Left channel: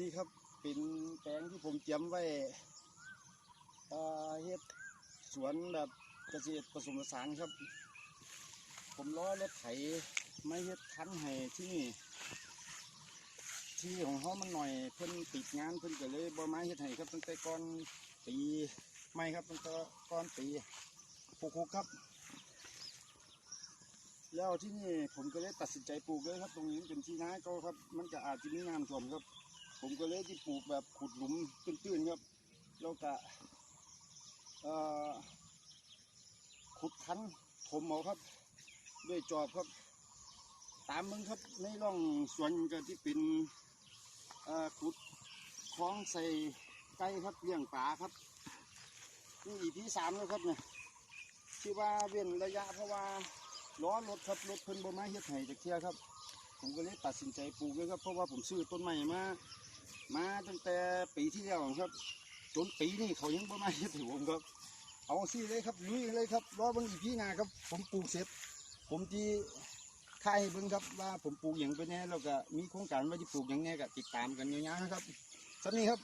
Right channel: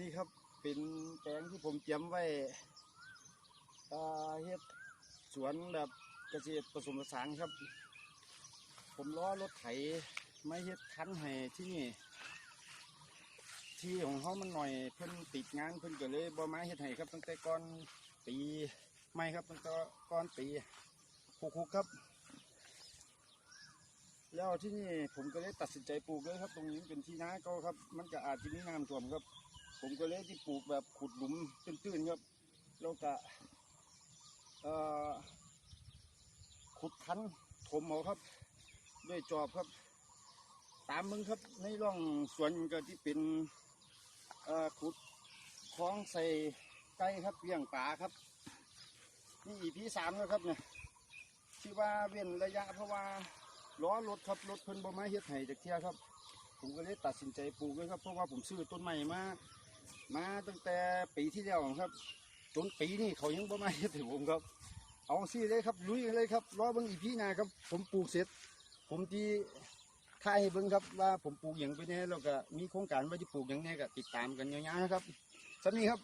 นี่ครับเป็นแปลงที่ผมเตรียมไว้เฮ็ดสวนแบบเกษตรผสมผสานครับ ผมล้อรถไถไม่เฮ็ดคันให้ที่นี่ ที่ของเขามันหน่อยเพิ่นติดงานเพิ่นก็เลยบ่มาเฮ็ดให้ครับตั้งแต่ก่อนปีไม่ครับตั้งแต่ก่อนปีหกหกครับ แล้วที่นี่ผมก็เลยตัดสินใจปลูกเลยครับ ตรงนี้เป็นที่นาเก็ครับ มันก็อาจจะมีน้ำท่วมครับ ผมก็เลยที่ปลูกแบบขุดหลุมตื้นๆครับแล้วก็ขุดคันถมเอาครับ ด้วยจอบครับ ตามมึงครับในร่องสวนก็ที่เป็นขุดคลองใส่ไก่ครับเลี้ยงปลาครับนี่อีพีสามแล้วครับเนี่ยที่ว่าเว้นระยะเพราะว่าล้อรถครับรถเพิ่นบ่มาเฮ็ดให้จากเทียครับ ผมก็เลยตัดสินใจปลูกเลยครับเพราะว่าผมซื้อต้นใหม่มา มาตั้งแต่ปีที่แล้วครับ จนปีนี้เขายังบ่มาเฮ็ดให้ผมครับ เอาสิเลยครับลุยเลยครับรอบางอีพีนาครับ ผมปลูกเสร็จ ผมที่ถ่ายให้เบิ่งครับว่าผมปลูกอย่างไปเนี่ยแล้วก็มีโครงการว่าจะปลูกอย่างไงก็ติดตามกันยาวๆนะครับสำนี้ครับ